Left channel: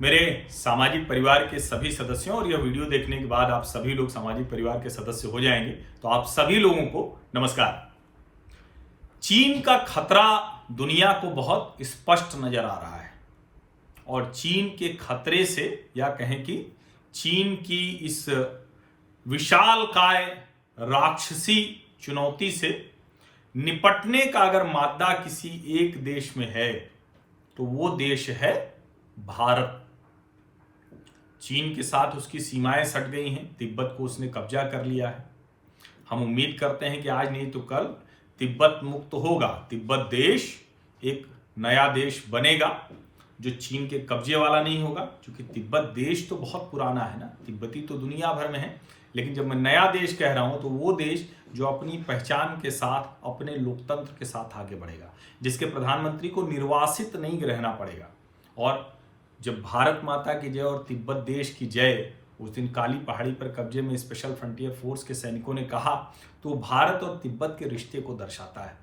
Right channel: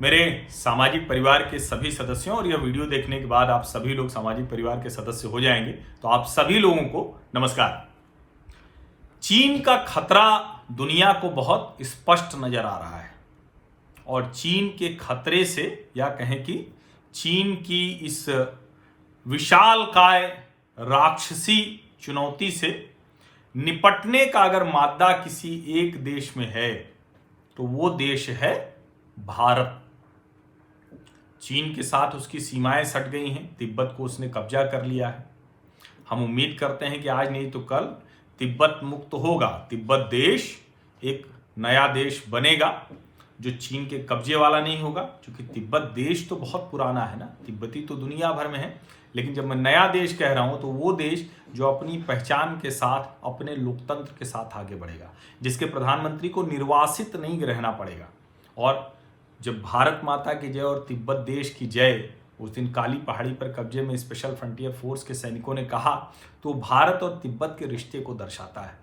मेरे सामाजिक परिवार के सभी सदस्यों और यह वीडियो देखने के बाद आप सभी लोग सामाजिक परिवार के सदस्य हो जाएंगे, तो आप सभी लोगों को नमस्कार। चीन का खतरा दुनिया को बहुत स्पष्ट नजर आ रहा है और चीन के खतरे से या कहें कि चीन की इस विशालकाय राक्षसी चुनौती से निपटने का अगर मादा किसी एक देश में है तो वो देश है भारत। चीन के साथ उसकी सीमाएं सट गई हैं, तिब्बत को उसने कब्जा कर लिया है। हम उम्मीद करते हैं कि आज नहीं तो कल तिब्बत मुक्त होगा, तिब्बत देश एक नया देश बनेगा जो चीन के कब्जे वाला नहीं होगा। क्योंकि तिब्बत देश तो बहुत पुराना है ना, तिब्बती तो दुनिया भर में है, लेकिन जब मैं नया देश कह रहा हूं तो वो देश जो अपनी पहचान के साथ, अपने लोकतंत्र के साथ आगे बढ़ेगा, जिसके प्रधानमंत्री को निर्वासित नहीं रहना पड़ेगा। और जब भारत माता की जय और तिब्बत देश की जय उस दिन काली पहाड़ी पर कब्जे में स्पेशल फ्रंटियर फोर्स के सैनिकों ने कहा, तो भारत और तिब्बत के रिश्ते को दर्शाता है।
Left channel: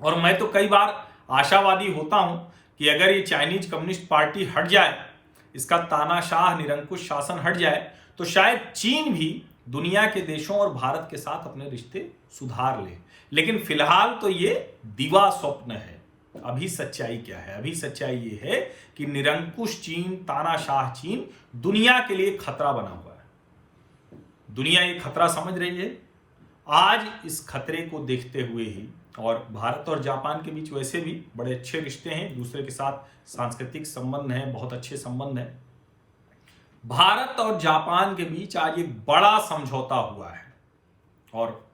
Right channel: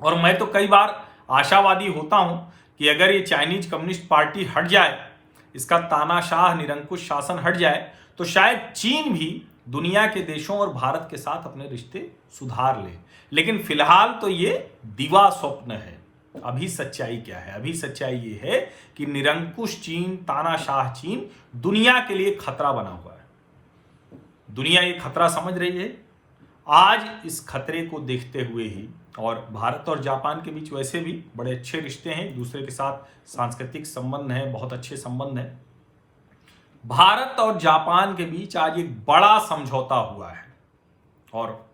और मैं तो कई बार आशावादी होता हूं कि अगर ये चाइनीज कम्युनिस्ट पार्टी हट जाए, इसका तानाशाह निरंकुश शासन हट जाए, तो शायद चीन भी दुनिया के देशों और भारत के साथ अपने रिश्ते सुधार ले। लेकिन फिलहाल तो ये दिवा स्वप्न है। अभी सच्चाई क्या है? अभी सच्चाई ये है कि निरंकुश चीन, तानाशाह चीन दुनिया के लिए खतरा बना हुआ है। दुनिया ये खतरा समझ रही है। आज इस खतरे को देखते हुए ही, और भारत और जापान के बीच वैसे भी बड़े अच्छे रिश्ते हैं, दूसरे के साथ सांस्कृतिक संबंध हैं, बहुत अच्छे संबंध हैं। भारत और जापान के बीच आज एक बड़ा समझौता हुआ है। और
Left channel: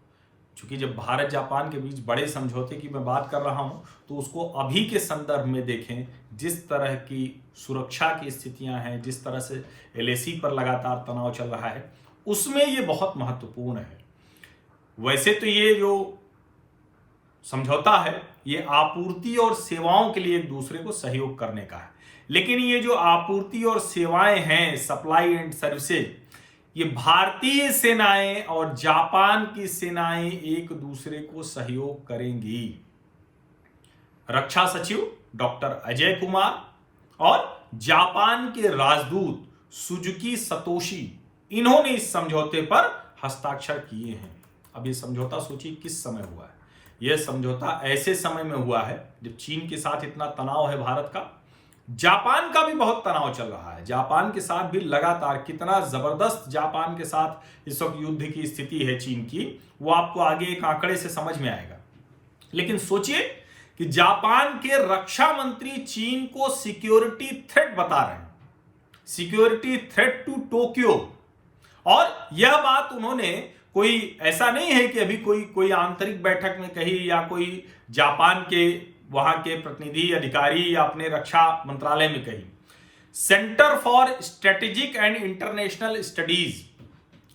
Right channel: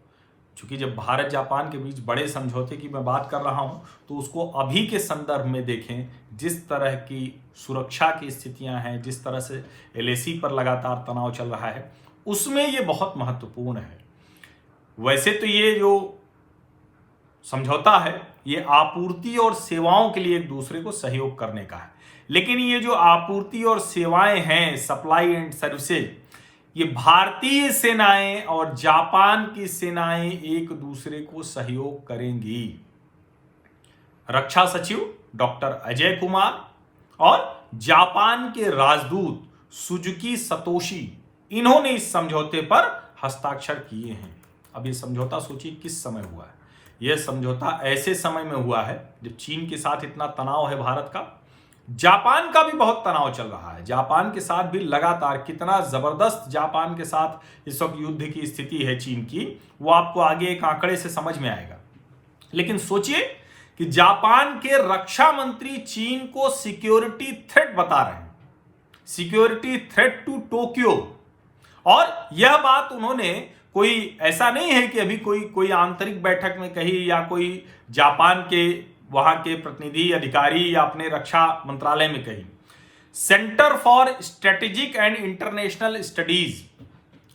चूंकि जब भारत जापान के बीच बड़े समझौते की मैं बात कर रहा हूं, तो उसको अभी के संदर्भ में देखें। जिस तरह की सुरक्षा की स्थितियां हैं, जिस तरह से एलएसी पर लगातार तनाव चल रहा है, उसमें ये बहुत महत्वपूर्ण है। वैसे तो ये जो समझौता है ये आपूर्ति और सेवाओं के लिए एक दूसरे को सहयोग करने का है, लेकिन ये जो आपूर्ति और सेवाएं हैं, सप्लाई एंड सर्विसेज, ये भारतीय सेनाएं और जापान की सेनाएं एक दूसरे को सहयोग करेंगी। रक्षा सचिव डॉक्टर अजय कुमार और जापान के राजदूत सुजुकी सतोशी, इन्होंने इस समझौते पर हस्ताक्षर किए हैं। अब ये समझौता सोचिए किस समय हुआ है। यह समझौता ऐसे समय में हुआ है जब चीन के साथ इतना तनाव है भारत का, जापान का भी बहुत तनाव चल रहा है। जापान के साथ भी लगातार, कितना जबरदस्त जापान के साथ इस वक्त युद्ध की स्थिति है चीन की, वो आपको आगे एक आंकड़े से समझ में आएगा। लेकिन सोचिए कि जापान के रक्षा मंत्री चीन को सिक्योरिटी थ्रेट बता रहे हैं, सिक्योरिटी थ्रेट टू टोक्यो। और यह बात उन्होंने कोई ऐसा नहीं है कि अभी कोई आंतरिक बैठक में कही या कोई जापान के वहां के प्रतिनिधि अधिकारी या अपने रक्षा मंत्रालय में कही। Centre for strategic and international studies,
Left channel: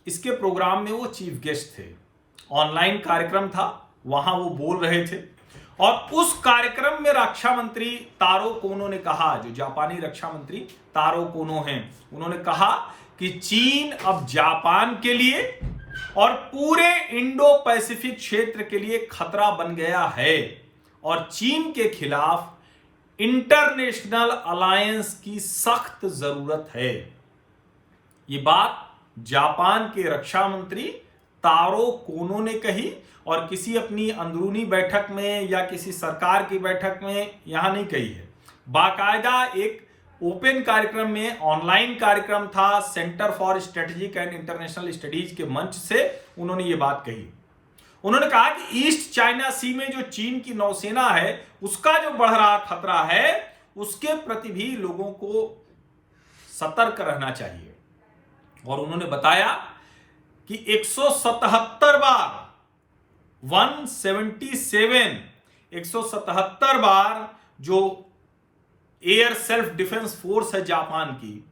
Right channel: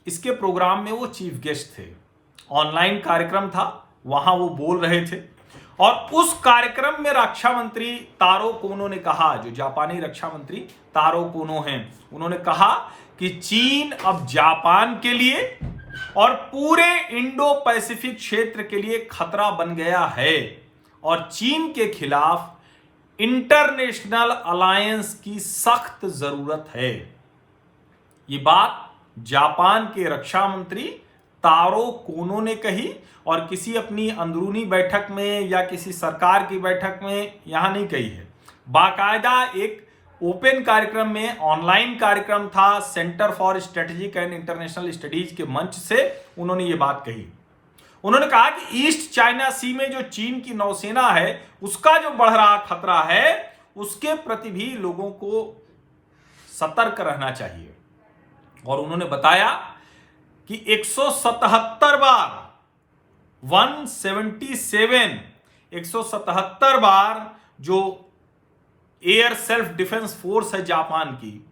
इसके प्रोग्राम में वो चीफ गेस्ट थे। ऑनलाइन कार्यक्रम था, वहां वो बोल रहे थे। और उस कार्यक्रम में रक्षा मंत्री तारो कोनो ने कहा, जो जापानी रक्षा मंत्री तारो कोनो हैं, उन्होंने कहा कि चीन अब जापान के लिए और पूरे इंडो पैसिफिक क्षेत्र के लिए खतरा बन गया है और चीन के खिलाफ इंटरनेशनल अलायंस की सख्त जरूरत है। ये बात जापान के रक्षा मंत्री तारो कोनो ने कही और किसी अपनी अंदरूनी बैठक में या किसी सरकार की बैठक में यहां नहीं कही है। बाकायदा एक ओपन कार्यक्रम में, ऑनलाइन कार्यक्रम था, centre for strategic and international studies के मंच से उन्होंने ये बात कही। उन्होंने कहा कि ईस्ट चाइना सी में जो चीन की नौसेना है, उसका जो बढ़ रहा खतरा है, उसके प्रति भी लोगों को सतर्क रहना चाहिए। और उन्होंने बताया कि 177 बार 177 बार जो एयर सेल्फ डिफेंस फोर्स है जापान की,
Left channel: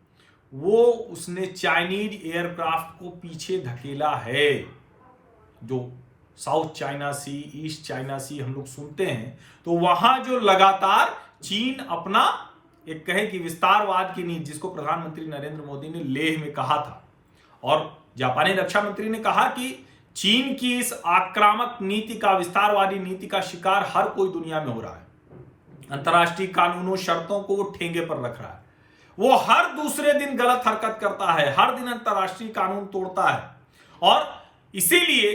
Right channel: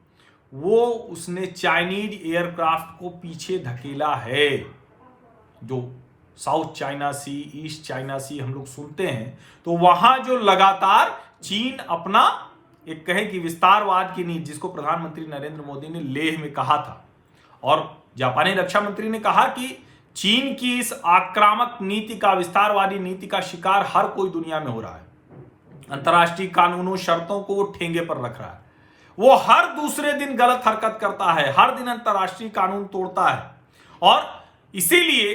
वो उसने चाइनीज एयरक्राफ्ट को पीछे धकेला है। जो साउथ चाइना सी, ईस्ट चाइना सी हम लोग सुनते हैं, तो वहां जो लगातार चीन अपना एक कहें कि विस्तारवाद की नीति, जिसको प्रधानमंत्री नरेंद्र मोदी ने लेह में कहा था, और जापानी रक्षा मंत्री ने कहा कि चीन की इस आक्रामक नीति का, विस्तारवादी नीति का शिकार हर कोई दुनिया में हो रहा है। अंतर्राष्ट्रीय कानूनों, शर्तों को वो ठेंगे पर रख रहा है। वो हर दूसरे दिन गलत हरकत करता है, हर दिन अंतर्राष्ट्रीय कानून तोड़ता है। और इसीलिए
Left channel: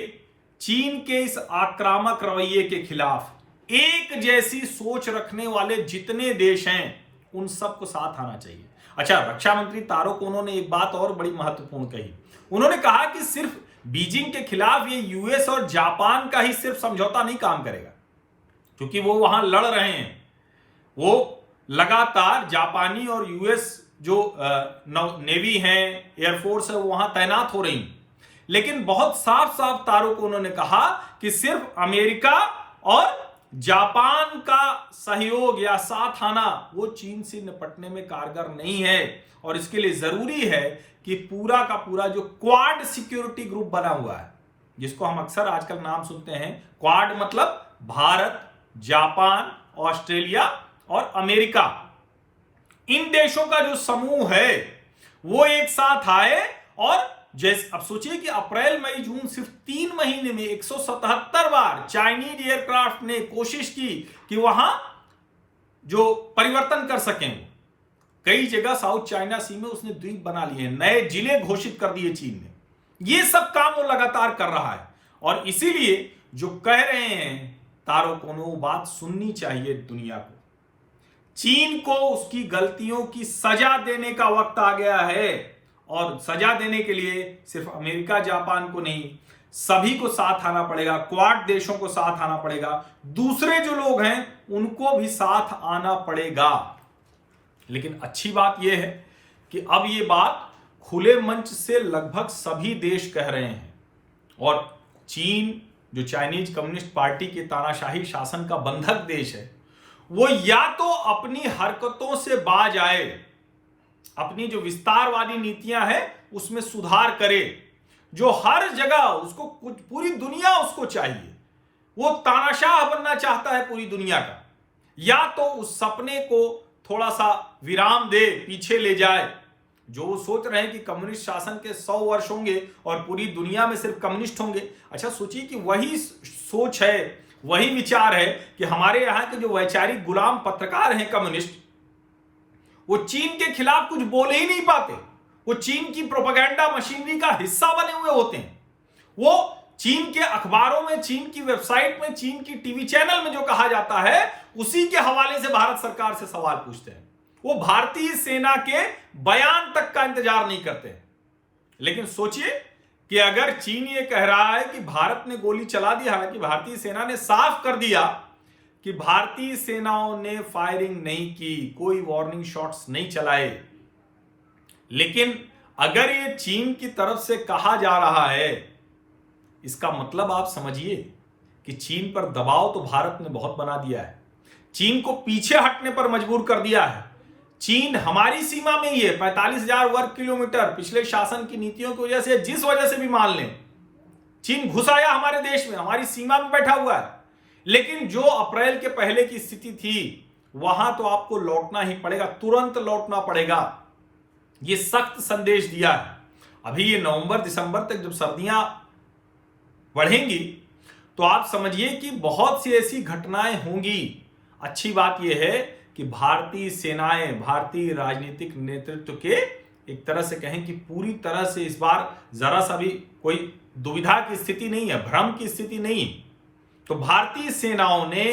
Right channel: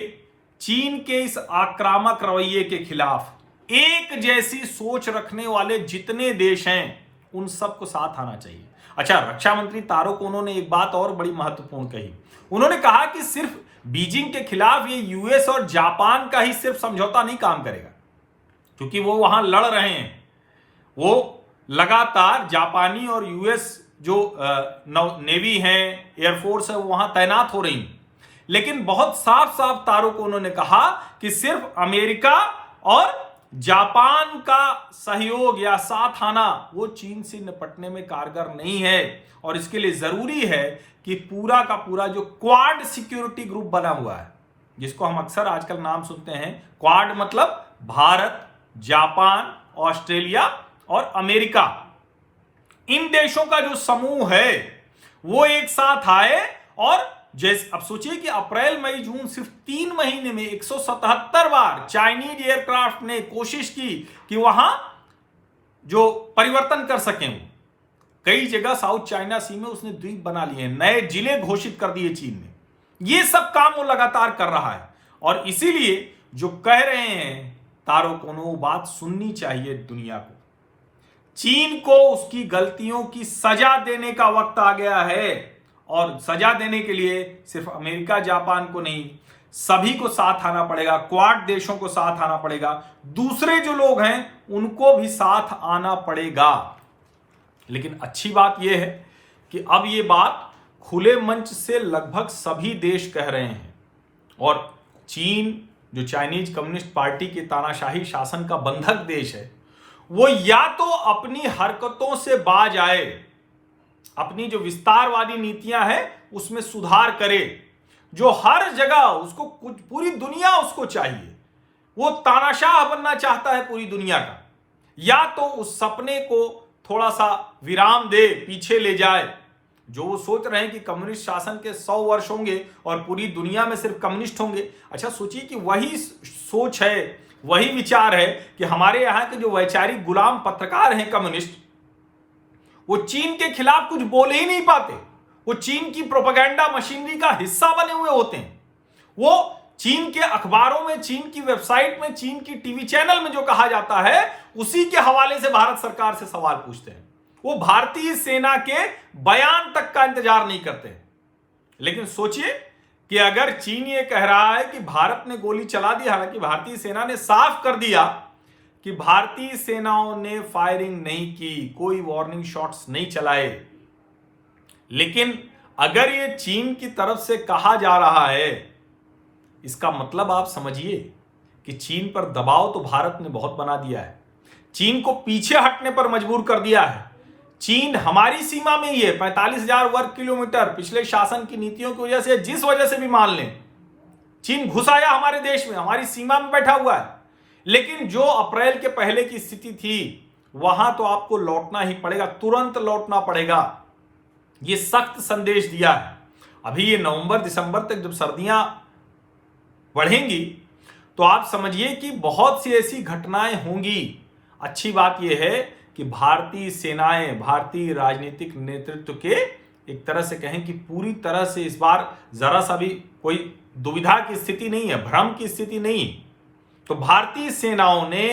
चीन के इस आक्रामक रवैये के खिलाफ एक जैसी सोच रखने वाले जितने देश हैं उन सबको साथ आना चाहिए। अच्छा, रक्षा मंत्री तारो कोनो ने एक बात और बड़ी महत्वपूर्ण कही। उन्होंने कहा कि सिर्फ बीजिंग के खिलाफ ये यूएस और जापान का ही सिर्फ समझौता नहीं काम करेगा, क्योंकि वो वहां लड़ रहे हैं। वो लगातार जापानी और यूएस जो नेवी है, एयरफोर्स है, वो वहां तैनात हो रही। लेकिन बहुत साफ साफ तारो कोनो ने कहा कि सिर्फ अमेरिका और जापान का सहयोग या साथ आना वो चीन से निपटने में कारगर नहीं है। और इसके लिए जरूरी है कि पूरा का पूरा जो क्वाड सिक्योरिटी ग्रुप बना हुआ है, जिसको हम अक्सर आजकल नाम सुनते हैं, क्वाड मतलब भारत, जापान, ऑस्ट्रेलिया और अमेरिका, इन देशों का जो समूह है वो एक साथ आए। और जैसे अब सोचिए कि अप्रैल मई जून सिर्फ 3 महीने में 177 बार चाइनीज एयरक्राफ्ट ने कोशिश की कि वहां जो परिवर्तन कर सकें। वो कई जगह साउथ चाइना सी में उसने द्वीप बना लिए, नए जिले घोषित कर दिए चीन ने। ये सब काम वो लगातार कर रहा है। और इसीलिए जो कह रहे हैं तारो कोनो, वो बात सुननी चाहिए दुनिया को। चीन को उसकी गलतियों की सजा देने का वक्त आ गया है। और सजा देने के लिए सिर्फ अमेरिका जापान को नहीं, सभी को साथ आना पड़ेगा, क्वाड देशों को साथ आना पड़ेगा, दूसरे जो लोग हैं उनको भी साथ आना पड़ेगा। लेकिन अच्छी बात यह है कि अब यह बात खुले मंच से लगभग सभी देश कह रहे हैं। और चीन जो चाइनीज कम्युनिस्ट पार्टी के तानाशाही शासन का बंधक देश है, वो या तो अपनी हरकतों से बाज आए, अपनी जो विस्तारवादी नीतियां हैं उसमें सुधार करे, जो हर जगह उसको कुछ पूरी दुनिया उसको चाहिए, वो तानाशाह बनना चाहता है पूरी दुनिया का, या तो उस सपने को थोड़ा सा विराम दे, पीछे ले जाए। जो वो सोच रहे हैं कि कम्युनिस्ट शासन के 100 वर्ष होंगे और पूरी दुनिया में सिर्फ कम्युनिस्ट होंगे। अच्छा सोचिए कि वही सोच है, वही विचार है कि हमारे यहाँ के जो वैचारिक गुलाम पत्रकार हैं कम्युनिस्ट, वो चीन के खिलाफ कुछ बोल ही नहीं पाते। वो चीन की प्रोपेगेंडा मशीनरी का हिस्सा बने हुए होते हैं। वो चीन के अखबारों में, चीन की वेबसाइट में, चीन की टीवी चैनल में जो कहा जाता है उसी के हवाले से भारत सरकार से सवाल पूछते हैं। वो भारतीय सेना के बयान तक का इंतजार नहीं करते। लेकिन सोचिए कि अगर चीन ये कह रहा है कि भारत ने गोली चला दी, हालांकि भारतीय सेना ने साफ कर दिया कि भारतीय सेनाओं ने फायरिंग नहीं की, कोई वार्निंग शॉट्स नहीं चलाए, लेकिन अगर ये चीन की तरफ से कहा जा रहा है, इसका मतलब आप समझिए कि चीन पर दबाव तो भारत ने बहुत बना दिया है, चीन को पीछे हटने पर मजबूर कर दिया है। चीन हमारी सीमा में ही है, 45,000 वर्ग किलोमीटर। पिछले शासन की नीतियों की वजह से, जिस वजह से भी मान लें, चीन घुस आया हमारे देश में, हमारी सीमा में बैठा हुआ है। लेकिन जो अप्रैल के पहले की स्थिति थी, वहां तो आपको लौटना ही पड़ेगा, तुरंत लौटना पड़ेगा। ये सख्त संदेश दिया है। अभी ये नवंबर दिसंबर तक जब सर्दियां बढ़ेंगी तो आप समझिए कि बहुत सी ऐसी घटनाएं होंगी। अच्छी बात यह है कि भारतीय सेनाएं, भारतीय राजनीतिक नेतृत्व के एक तरह से कहें कि पूरी तरह से इस बार जरा सा भी कोई दुविधा की स्थिति नहीं है, भ्रम की स्थिति नहीं। तो भारतीय सेनाओं ने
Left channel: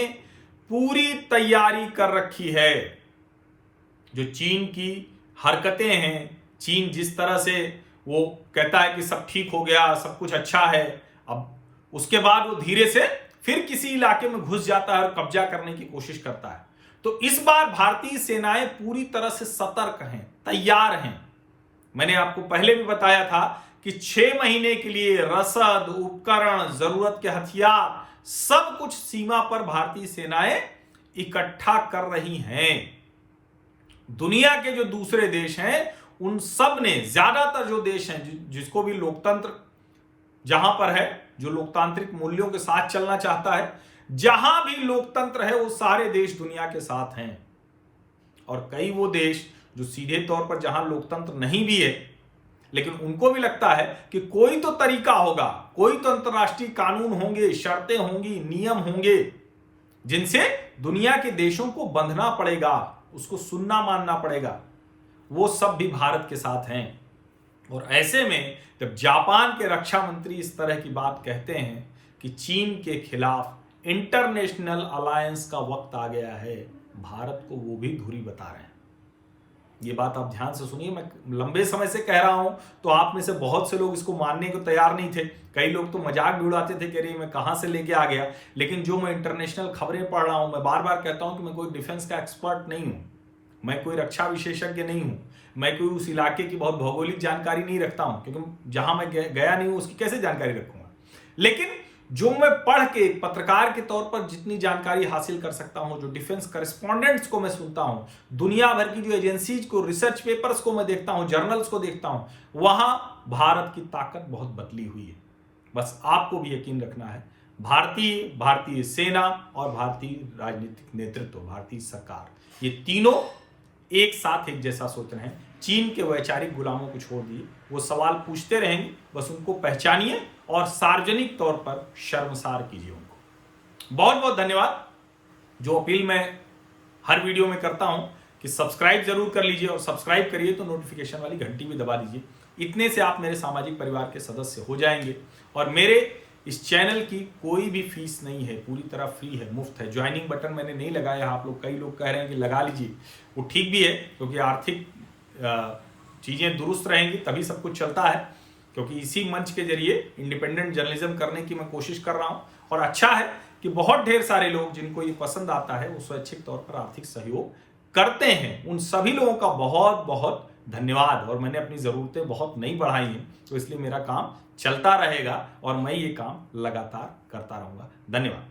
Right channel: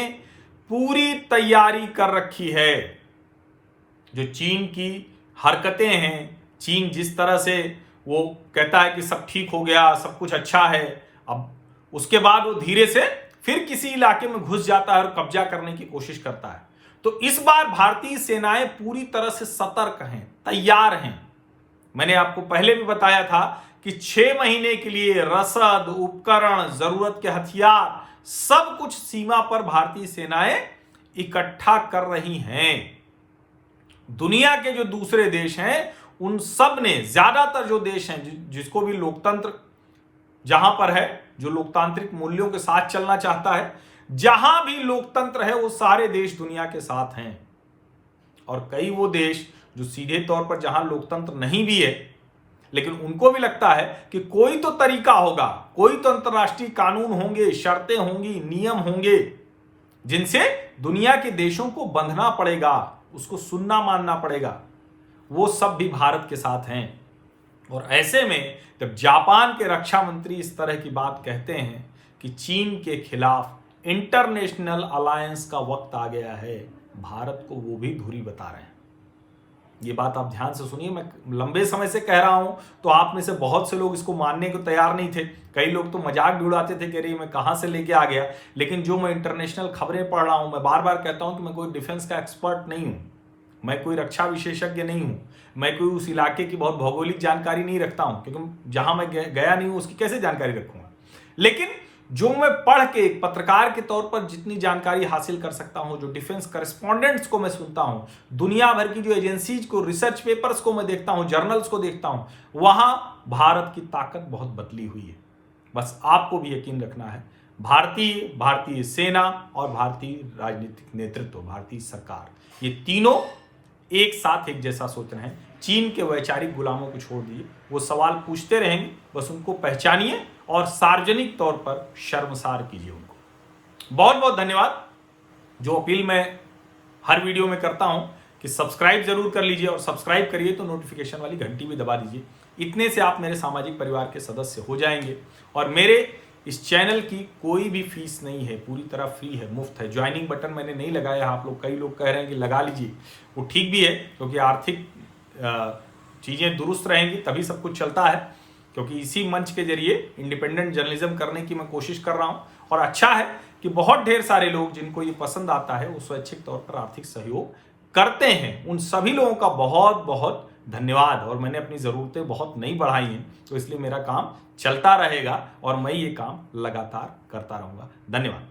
पूरी तैयारी कर रखी है। जो चीन की हरकतें हैं, चीन जिस तरह से वो कहता है कि सब ठीक हो गया, सब कुछ अच्छा है, अब उसके बाद वो धीरे से फिर किसी इलाके में घुस जाता है और कब्जा करने की कोशिश करता है। तो इस बार भारतीय सेनाएं पूरी तरह से सतर्क हैं, तैयार हैं। मैंने आपको पहले भी बताया था कि 6 महीने के लिए रसद, उपकरण, जरूरत के हथियार, सब कुछ सीमा पर भारतीय सेनाएं इकट्ठा कर रही हैं। दुनिया के जो दूसरे देश हैं उन सब ने, ज्यादातर जो देश हैं जिसको भी लोकतंत्र जहां पर है, जो लोकतांत्रिक मूल्यों के साथ चलना चाहता है, जहां भी लोकतंत्र है वो सारे देश दुनिया के साथ हैं। और कई वो देश जो सीधे तौर पर जहां लोकतंत्र नहीं भी है, लेकिन उनको भी लगता है कि कोई तो तरीका होगा, कोई तो अंतर्राष्ट्रीय कानून होंगे, शर्तें होंगी, नियम होंगे जिनसे दुनिया के देशों को बंधना पड़ेगा, उसको सुनना मानना पड़ेगा। वो सब भी भारत के साथ हैं। और ऐसे में जब जापान के रक्षा मंत्री इस तरह की बात कहते हैं कि चीन के खिलाफ इंटरनेशनल अलायंस का वक्त आ गया है, भारत को वो भी धुरी बता रहे हैं। ये बात आप ध्यान से सुनिए, मैं लंबे समय से कह रहा हूं, तो आप में से बहुत से लोग इसको मानने को तैयार नहीं थे। कई लोग तो मजाक भी उड़ाते थे, कह रहे मैं कहां से लेके आ गया। लेकिन जो मैं इंटरनेशनल खबरें पढ़ रहा हूं, मैं बार बार कहता हूं कि मैं कोई डिफेंस का एक्सपर्ट नहीं हूं, मैं कोई रक्षा विशेषज्ञ नहीं हूं, मैं कोई उस इलाके की बहुत भौगोलिक जानकारी नहीं रखता हूं, क्योंकि जहां मैं गया नहीं हूं उसकी कैसे जानकारी रखूंगा। लेकिन जो मैं पढ़ के एक पत्रकार के तौर पर जितनी जानकारी हासिल कर सकता हूं, जो डिफेंस करेस्पॉन्डेंट्स को मैं सुनता हूं, दुनिया भर की जो एजेंसीज को, रिसर्च पेपर्स को मैं देखता हूं, जर्नल्स को देखता हूं, वहां भारत की ताकत बहुत बदली हुई है। बस आपको भी यकीन रखना है, भारतीय सेना और भारतीय राजनीतिक नेतृत्व, भारतीय सरकार, ये तीनों एक साथ एक जैसा सोच रहे हैं। चीन के वैचारिक गुलामों को छोड़ दिए, वो सवाल पूछते रहेंगे, बस उनको पहचानिए और सार्वजनिक तौर पर शर्मसार कीजिए उनको। बहुत बहुत धन्यवाद। जो अपील मैं हर वीडियो में करता हूं कि सब्सक्राइब जरूर कर लीजिए, और सब्सक्राइब करिए तो नोटिफिकेशन वाली घंटी भी दबा लीजिए। इतने से आप मेरे सामाजिक परिवार के सदस्य हो जाएंगे। और मेरे इस चैनल की कोई भी फीस नहीं है, पूरी तरह फ्री है, मुफ्त है। ज्वाइनिंग बटन मैंने नहीं लगाया, आप लोग, कई लोग कह रहे हैं कि लगा लीजिए, वो ठीक भी है, क्योंकि आर्थिक चीजें दुरुस्त रहेंगी तभी सब कुछ चलता है। क्योंकि इसी मंच के जरिए इंडिपेंडेंट जर्नलिज्म करने की मैं कोशिश कर रहा हूं, और अच्छा है कि बहुत ढेर सारे लोग जिनको ये पसंद आता है वो स्वैच्छिक तौर पर आर्थिक सहयोग करते हैं। उन सभी लोगों का बहुत बहुत धन्यवाद। और मैंने अपनी जरूरतें बहुत नहीं बढ़ाई हैं, तो इसलिए मेरा काम चलता रहेगा और मैं ये काम लगातार करता रहूंगा। धन्यवाद।